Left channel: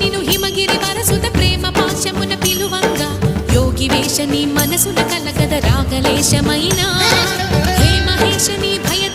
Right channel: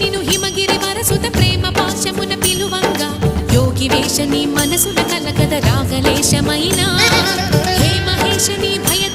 నిను హిమగిరి వరసుత ప్రేమ పాశమున పిలువంగా యోగి వేషని మనసున కలగద రాగలేశమైనా హే మహేశని భయ